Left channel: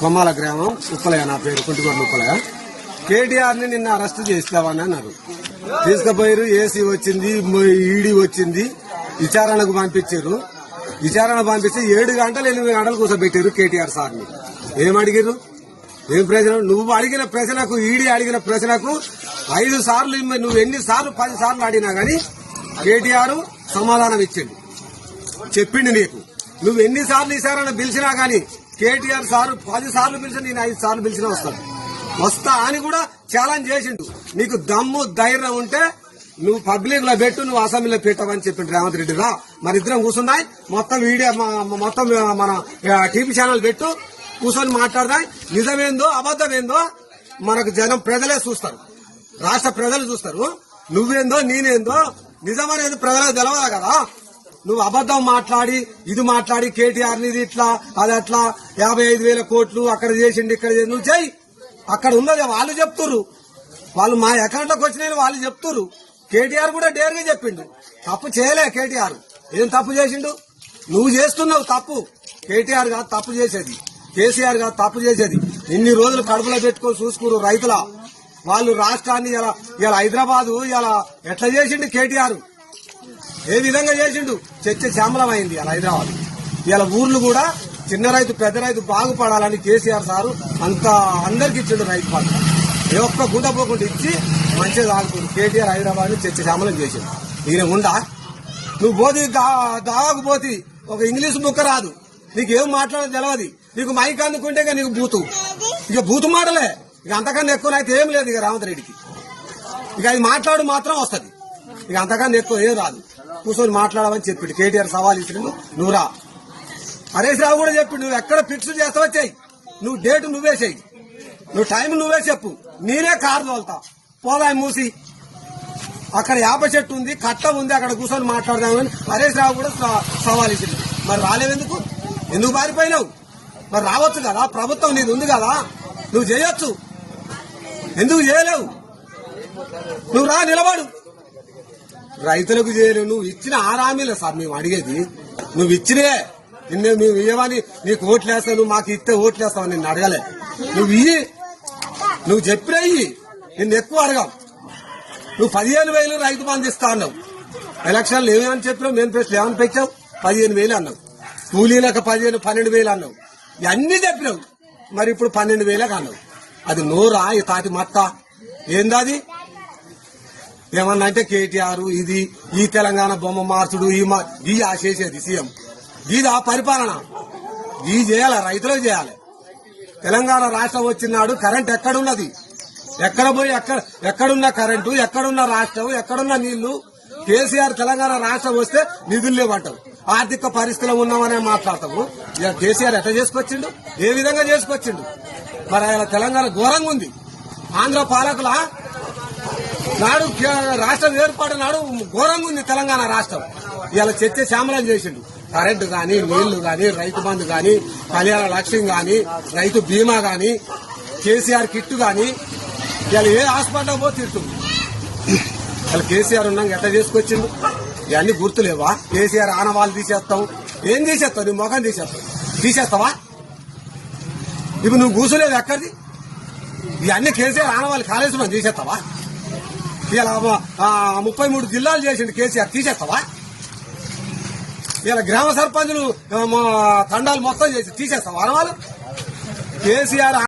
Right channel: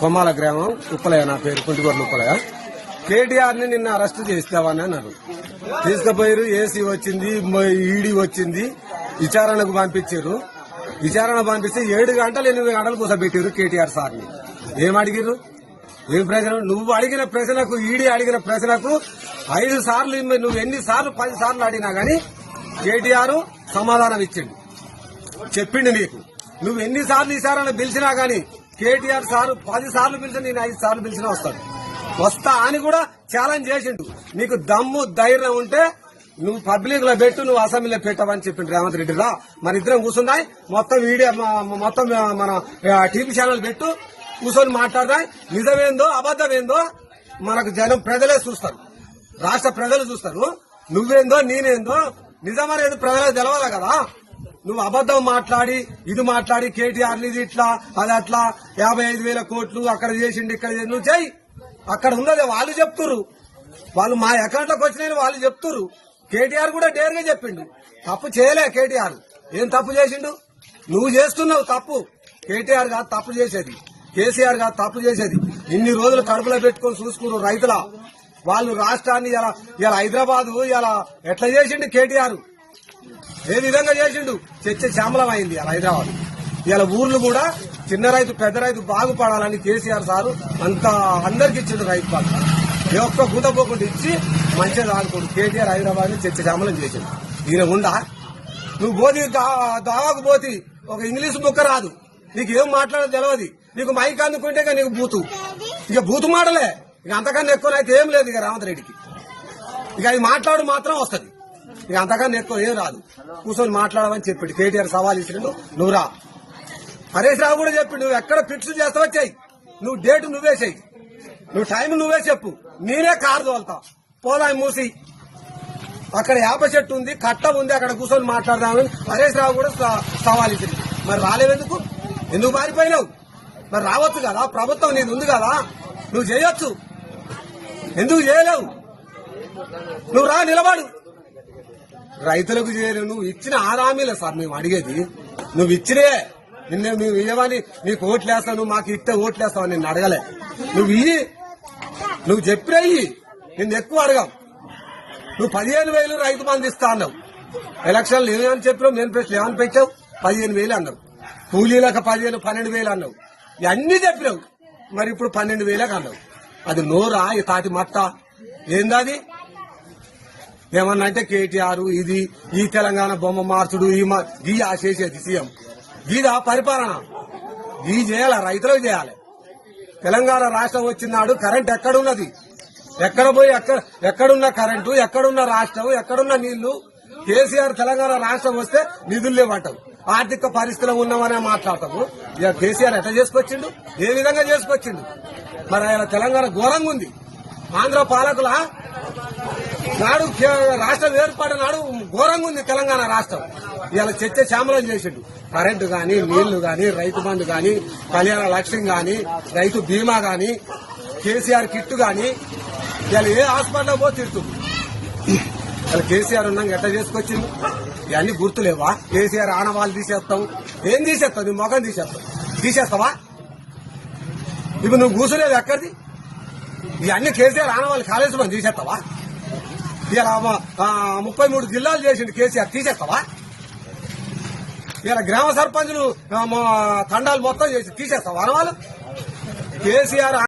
కొమ్మాల గ్రామం ఉప్పలయ, నా పేరు కుంటిగొడ్ల ఉప్పలయ. కేటీఆర్ ని నిన్న అరెస్ట్ చేస్తామని అన్నారు. తీసుకుపోయారు, ఏసీ వచ్చింది, ఈడీ వచ్చింది, విచారణకు పంపించారు. విచారణ పంపిస్తే 7 గంటలు 8 గంటలు కూర్చోబెట్టారు కేటీఆర్ సార్ని. ఏం అడిగారు? ఏం ప్రశ్న? నువ్వు అడిగిన ప్రశ్నకు, ఈడీ అడిగిన ప్రశ్నకు 5 సార్లు, నువ్వు ఎన్ని సార్లు 10 సార్లు అడిగినా గానీ కేటీఆర్ సమాధానం ఇచ్చిండు, చెప్పిండు నీకు. నువ్వు ఎన్నిసార్లు విచారణ పిలిచినా గానీ కేటీఆర్ సార్ 10 సార్లు పిలిచి, నేను 5 సార్లు పిలిచినా వస్తా అని కూడా ఛాలెంజ్ చేసిండు. నీకు దమ్ము ధైర్యం ఉంటే నువ్వు పబ్లిక్ లో పెట్టు, నువ్వు అసెంబ్లీలో పెట్టవని చెప్పిండు రేవంత్ రెడ్డిగా. మన ఇద్దరం కూర్చున్నాయి, మొత్తం వీడియో మొత్తం మన టీవీ ఛానల్ పెట్టు, కూర్చొని మాట్లాడదాయి. నిజమేందో అబద్దమేందో మనకు జనం ప్రజలే చూస్తారు, రాష్ట్ర ప్రజలు చూస్తారు. నువ్వేందో నేనేందో నిజమనేది ప్రజలకు తెలవదా కదా. నువ్వు అబద్దం మాట్లాడి, ఇది మాట్లాడి కేటీఆర్ ఇది ఇట్లా అది అట్లా 55,000 కోట్లు అక్కడ చేసిండు ఇక్కడ చేసి నువ్వు చెయ్యి. అక్కడ ఉన్నది వాళ్ళు చెప్తురు, వాళ్ళు మా అకౌంట్లోకి వచ్చినాయని వాళ్ళు చెప్తురు. కేటీఆర్ కూడా డేర్గా చెప్పిండు, తప్పు చేయలే కేటీఆర్. ఏం తప్పు చేసిండు? నువ్వు చేస్తున్నావు తప్పు. కేటీఆర్ కాదు తప్పు చేసేది, కేసీఆర్ కాదు తప్పు చేసేది. ఇన్ని రోజులు కడుపులో పెట్టుకొని చూసుకున్నారు రైతుల వాళ్ళు. రాష్ట్రాన్ని ఇలా హైదరాబాదు ఇలా ఎట్లా చేసిండు కేటీఆర్, ఏ విధంగా చేసిండు? చర్చ శ్యామలం అయింది ఇలా హైదరాబాద్. ఇలా ఊర్లు కూడా చిన్న రైతు పెద్ద రైతు బాగుపడాలని కేసీఆర్ సారు అంత అందరికి ఇచ్చిండు రైతు బంధు. ఏ ఒక్క గుంట పోకుండా ఇచ్చి మంచిగా ఆడుకోండి. కేటీఆర్ హైదరాబాద్ చర్చ శ్యామలం చేసిండు. ఈయన ఉండా? నువ్వు పోతి దాగు పోతి, ఒక ఇంగ్లీష్ ముక్క రాదు, నీకేం మాట్లాడదు తెలియదు. నీకు మైక్ అందుకుంటే ఇక నీకు బూతు మాటలే. ఇక అంతకన్నా ఎక్కువ అయితే ఏం లేదు ఇక రేవంత్ రెడ్డికి. ఇక అది మాట్లాడు మాత్రం వస్తుంది, ఇక అంతకన్నా ఎక్కువ ఏం రాదు. కూర్చొని మాట్లాడమని చెప్పాడు కేటీఆర్. సవాల్ ఇచ్చిండు, నువ్వు రా. హరీష్ రావు కూడా చెప్పి నువ్వు ఎక్కడ ఫిక్స్ చేస్తావో చెయ్యి, నువ్వు డేట్ నువ్వే చెయ్యి, నువ్వు టైం నువ్వే చెప్పు, నేనే కారు తోలుతావు. పోదా మూసి అక్కడ యాప చెట్టు ఉంది, కట్ట ఉంది, అక్కడ కూర్చొని మాట్లాడదామని హరీష్ రావు కూడా సవాల్ ఇచ్చింది. మరి రాలేవెందుకు? ఎందుకు పారిపోయినావు? మరి రావచ్చు కదా, ప్రభుత్వం నీది ఉంది కదా, నువ్వు చేయొచ్చు. ఎందుకు చేయలేవు? నువ్వు రా, నిలబడు. రైతులకు చేయలేవు. నువ్వు ఇచ్చిన హామీలే సార్ మేము అడిగేది. నువ్వు ఇచ్చినే, నువ్వు ఇవ్వని నీకు ఓట్లేస్తావు, నువ్వు మాకు ఇస్తే ఓట్లేస్తావు నిన్ను అడగాలే. నువ్వు చెప్పినా నిన్ను ఎక్కువ అడగావు. నువ్వు 15,000 రైతు బంధు ఇస్తా అన్నావు. ఎలక్షన్లు ఏమేమని చెప్పినావు? మేము ప్రశ్నలు ఏమని పెట్టావు? 15,000 అన్నావు. కూలీలకు 12,000 అన్నావు. ఇవన్నీ చెప్పినావు. మరి ఇప్పుడు 12,000 అన్నావు. అది నోరా? ఈ తాటి మత్త ఏందది? ఏమన్నా అంటే కేటీఆర్ ఇది ఈ తెలంగాణ బొమ్మ మార్చుడు, ఈ చేసేది సీఎం, ఇదా పరిపాలన? ఈ చేయాలి, రైతులకు చేయాలి. తెలంగాణ రాష్ట్రం వచ్చినాడు కరెంట్ ఎక్కడున్నది? ఎక్కడ పోయి ఎక్కడున్న కరెంటు, ఎక్కడున్న రాష్ట్రం, ఎక్కడున్న నీళ్లు? కేసీఆర్ తెలంగాణ రాష్ట్రం వస్తే నిధులు లేవంటావు, ఆర్థిక పరిస్థితిలో ఉన్నామనే మాట్లాడతాము. ఇక కేసీఆర్ ఎట్లా చేసుకొచ్చిండు? ఏ విధంగా చేసుకొచ్చిండు? మరి ఆయన తెలంగాణ ఘోరంగా ఉంది. ఆంధ్ర పాలకుల నాడు రాష్ట్రం ఏర్పాటు నాడు ఘోరంగా ఉంది తెలంగాణ రాష్ట్రం. ఇలా చర్చ శ్యామలం చేసిండు. కరెంటు గాని, నీళ్లు గాని, రైతు బంధు గాని, కళ్యాణ లక్ష్యం గాని, రైతు బీమా గాని, కేసీఆర్ కిట్టు గాని, ఇలా ఏ హాస్పిటల్ పోతే తిట్టు. ఇలా కేసీఆర్ ఉన్నాక ఎట్లా చేసుకొచ్చిండు? ఇవన్నీ గుర్తులేవా? కేసీఆర్ ఆనవాళ్ళు తీసేస్తావు. ఏం తీసేస్తావు? నీ మొఖం తీసేస్తావా? ఇప్పుడు నువ్వు కూర్చునేది ఎక్కడిది? ఇవన్నీ కేసీఆర్ ఆనవాళ్ళు కాలేజీలో తీసేస్తావా? ఇలా 33 జిల్లాలు చేసిండు కేసీఆర్, తీసేస్తావా? ఇలా గ్రామ సర్పంచులు తండాలు మొత్తం చేసి తీసేస్తావా? వాళ్ళు కేసీఆర్